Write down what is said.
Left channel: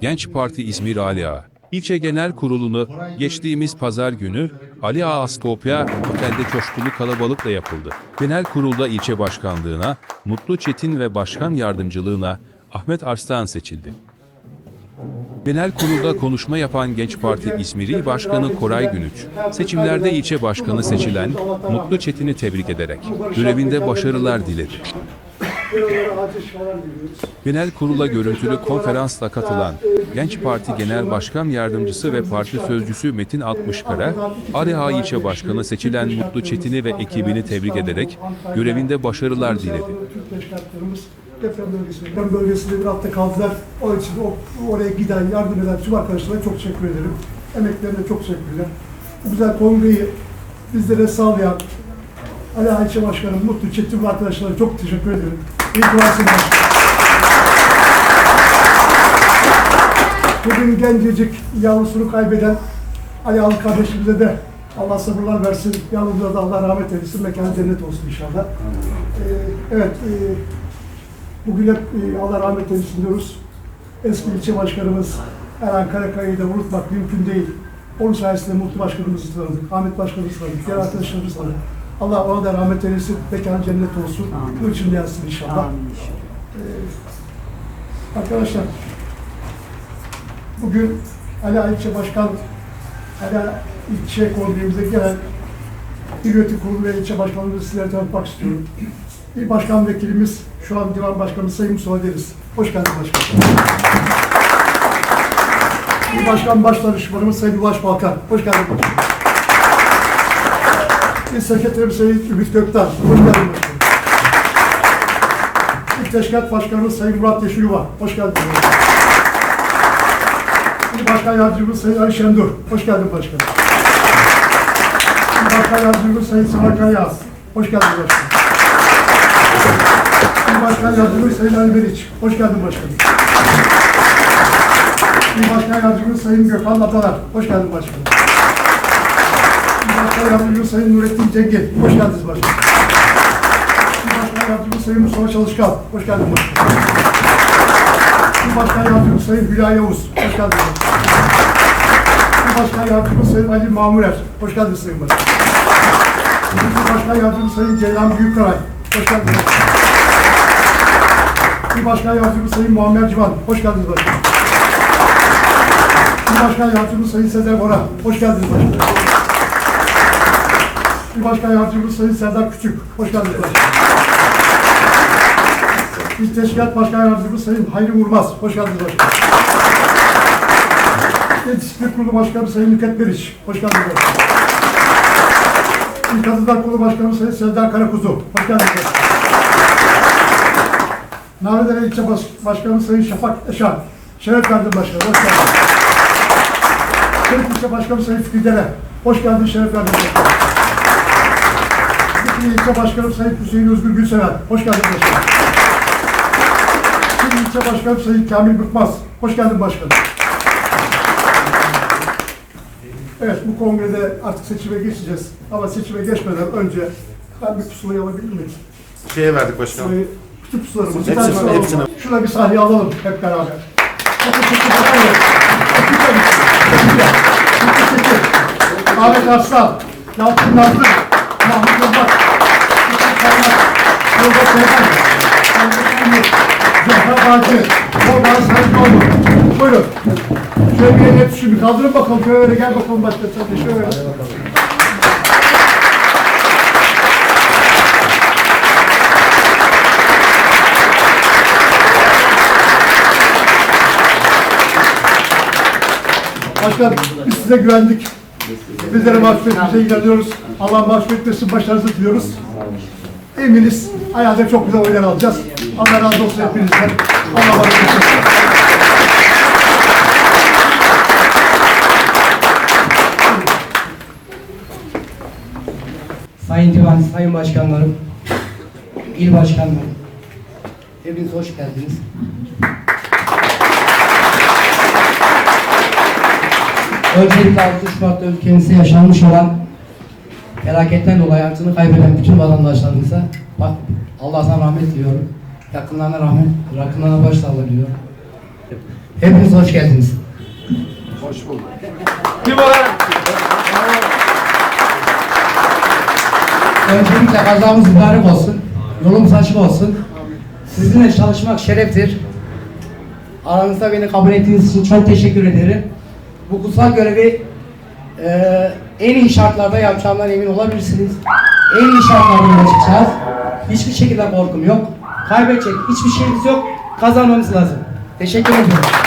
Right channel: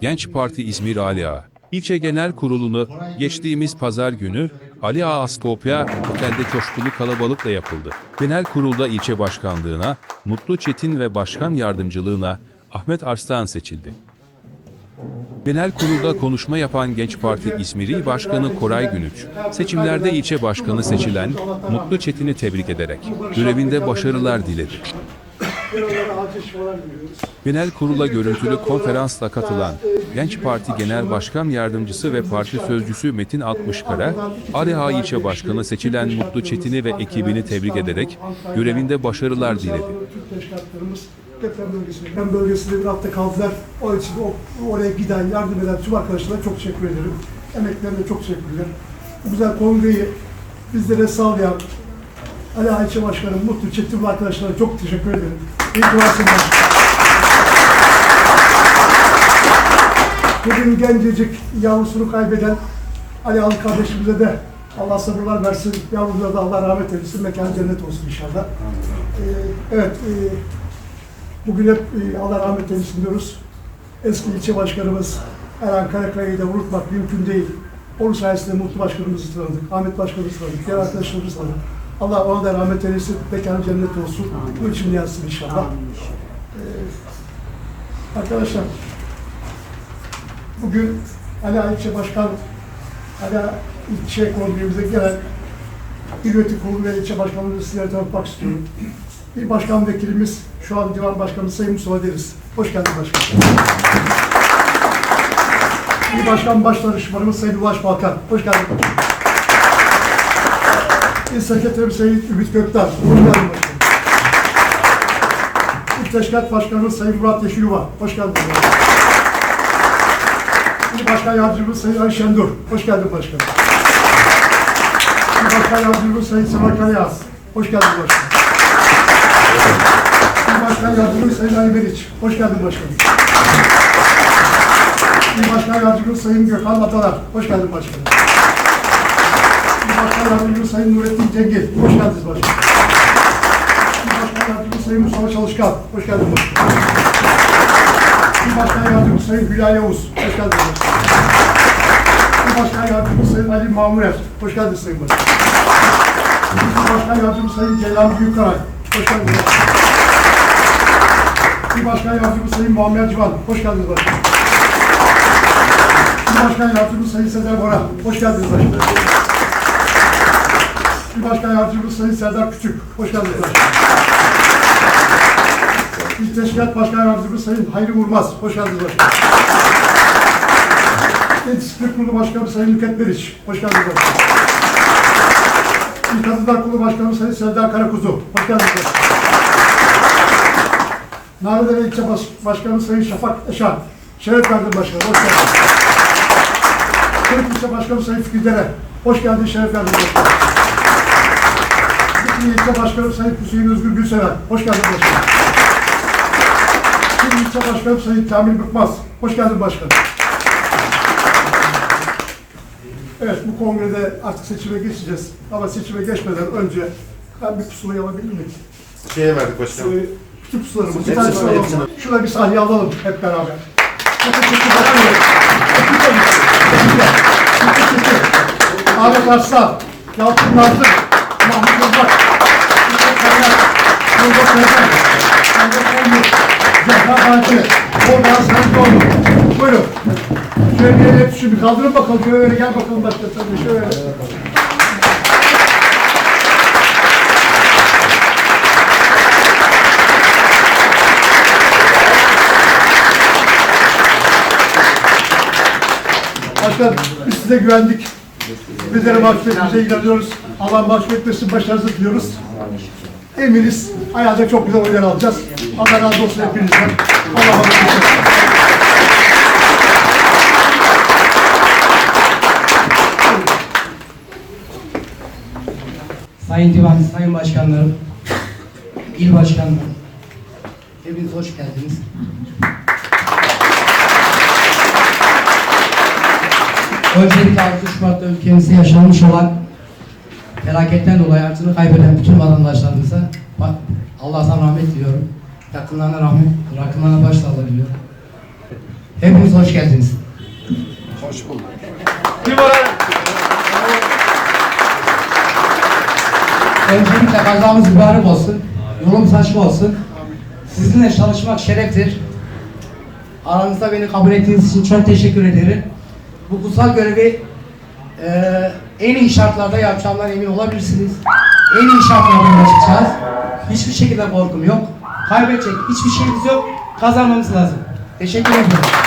Genç Parti İzmir Ali Ağa. İlçe Genel Kurulu'nu geçtiğimiz pazar günü Ali Ağa Askopya Otel'de coşkulu kalabalıkla yapıldı. Genel Kurulda ilçe başkanlığına Mutlu Çetin ve başkan yardımcılığına Ahmet Arslan seçildi. Genel kurulda konuşma yapan Genç Parti İzmiri Başkanı Koray Günüç, seçimlerde ilçe başkanı seçilen Mutlu Çetin'i tebrik ederek görevinde başarılar diledi. Genel kurula görüntülü konferansla katılan Genç Parti Genel Başkan Yardımcısı ve Parti Sözcüsü Metin Altmışkara, Areha ilçe başkanı seçilen Mutlu Çetin'i ve ekibini tebrik ederek görevinde başarılar diledi. Deprem bölgesinde, deprem bölgesinde bir hafta kaldılar. O için oraya giden, yardım eden tüm arkadaşlara çok teşekkür ederim. Emeklerine çok teşekkür ederim. Bu güzel kongreyi bizlere sağlayan Ali Ayçe Başkanım, Mutlu Çetin ve arkadaşlara çok teşekkür ederim. İyi ki varsın başkanım. Bugün gencecik yavrusunu kaybeden Ali Alı kardeşimize de Allah sabırlar versin. Yavrumuza da Allah rahmet eylesin. Mekanı cennet olsun inşallah. Ee, evet, e, bugün hep e, Allah rahmet eylesin diyoruz. Eski ilçe başkanımız Erhan Karakaya'yı da unutmak mümkün değil. Onun sayesinde Mutlu Başkanımızı tanıdık, Ahmet Başkanımızı tanıdık, diğer arkadaşlarımızı tanıdık. Allah ona da rahmet eylesin, mekanı cennet olsun. Bu için yansın inşallah. Ee, arkadaşlar, Bugün Ala İlçe Başkan, Ala İlçe Kongremize gelen İl Yönetim Kurulu ve İlçe Başkanımızı sizlere tanıtmak istiyorum. İl Başkan Vekilimiz, şu an Divan Başkanımız Sayın Mustafa Deriz. Hoş geldin başkanım. İl Başkan Başdanışmanımız Sayın Ulaş Balkan. Hoş geldin. İl Sekreterimiz Sayın Ümit Gökten. Hoş geldin başkanım. İl Teşkilat Başkanımız Sayın Murat Yeşilyuva. Hoş geldin başkanım. İl Başkan Yardımcımız Sayın Ali Şendur. Hoş geldin başkanım. İl Başkan Yardımcımız Sayın Seval Karayaz. Hoş geldin başkanım. İl Başkan Yardımcımız Sayın Ali Meriç. Hoş geldin başkanım. İl Başkan Yardımcımız Sayın Gökhan Atalar. Hoş geldin başkanım. Başkan Yardımcımız Sayın Nurettin Cengil. Hoş geldiniz başkanım. Başkan Yardımcımız Sayın Mustafa Çalışkan. Hoş geldin başkanım. Başkan Yardımcısı Sayın Hülya Yavuz. Hoş geldiniz. İl Başkan Yardımcısı Sayın Ali Mamurer. Hoş geldiniz Sayın Başkan. İl Başkan Yardımcısı Sayın Celal Büyükkaray. Hoş geldiniz. İl Başkan Yardımcısı Sayın Muammer Civan. Hoş geldiniz başkan. İl Başkan Yardımcısı Sayın Sezer Bora. Hoş geldiniz başkan. İl Başkan Yardımcısı Sayın Serdar Küçük. Hoş geldiniz başkan. İl Teşkilat Başkan Yardımcısı Sayın Hayri Vurmaz. Hoş geldiniz başkanım. İl Disiplin Kurulu Başkanı Sayın Nüket Meriç. Hoş geldiniz başkanım. İl Kadınlar Kurulu Başkanı Sayın Selda Karakuzu. Hoş geldiniz başkanım. Narlıdere İlçe Baş Başkanı Sayın Şafak Eşan. Şeref verdin başkanım. Hoş geldiniz. Kırık İlçe Başkanı Sayın Fikri Dere. Hoş geldin, şeref verdin başkanım. Fikri İlçe Başkanı Sayın Hüseyin Özgür Gülseven. Hoş geldin başkanım. Şimdi ilçe başkanım Sayın Kamil Bıkmaz. Hoş geldin başkanım. Evet bu kongrede artık seçime geçeceğiz. Ama seçime geçmeden önce ben bir pusulayı alabilir miyim? Şeye verdik başkanım. Pusulayı, bütün pusularımı, bir tanesini alalım. Şuna bir sahne alalım hep beraber. Ya. Çekin çekin. Ahmet Arslan, Yalçın Nazlı, Mahmut Yılmaz, Yılmaz Seyhan, Ahmet Yılmaz, Zehra Bağcı, Orhan Sarıcıoğlu. Buyurun. Şöyle bir tutuşun, bir kaldırın bakalım. Şöyle gel bakalım tabii şöyle. Başkan biz size güvendik. Bizlere mahcup etmeyeceğe inanıyoruz. Allah mahcup etmesin, başarınızı diliyoruz. Eminiz ayağda çok güzel oyunlar alacağız. Allah razı olsun hepinizden. Allah razı olsun. Sayın Divan, Sayın Başkanlarım, İl Başkanlarım, hepiniz hoş geldiniz. Öncelikle 6 Şubat'ta ülkemizde yaşanmış olan felaketten dolayı hayatını kaybeden bütün vatandaşlarımıza Allah'tan rahmet diliyorum. Yakınlarına rahmet, yakınlarına başsağlığı diliyorum. Hepiniz hoş geldiniz. Öncelikle kazamız mübarek olsun. Yolumuz açık olsun. Sizinle çalışmak şereftir. Aranızda beni kabul ettiğiniz için çok teşekkür ederim. Bu kutsal görevi eee, en iyi şartlarda yapacağımdan emin olabilirsiniz. En iyi şartlarda ulaşacağız. Hiçbir şekilde korkum yok. Kaybedecek hiçbir şeyimiz yok. Kazanmamız lazım. Teşekkür ederim.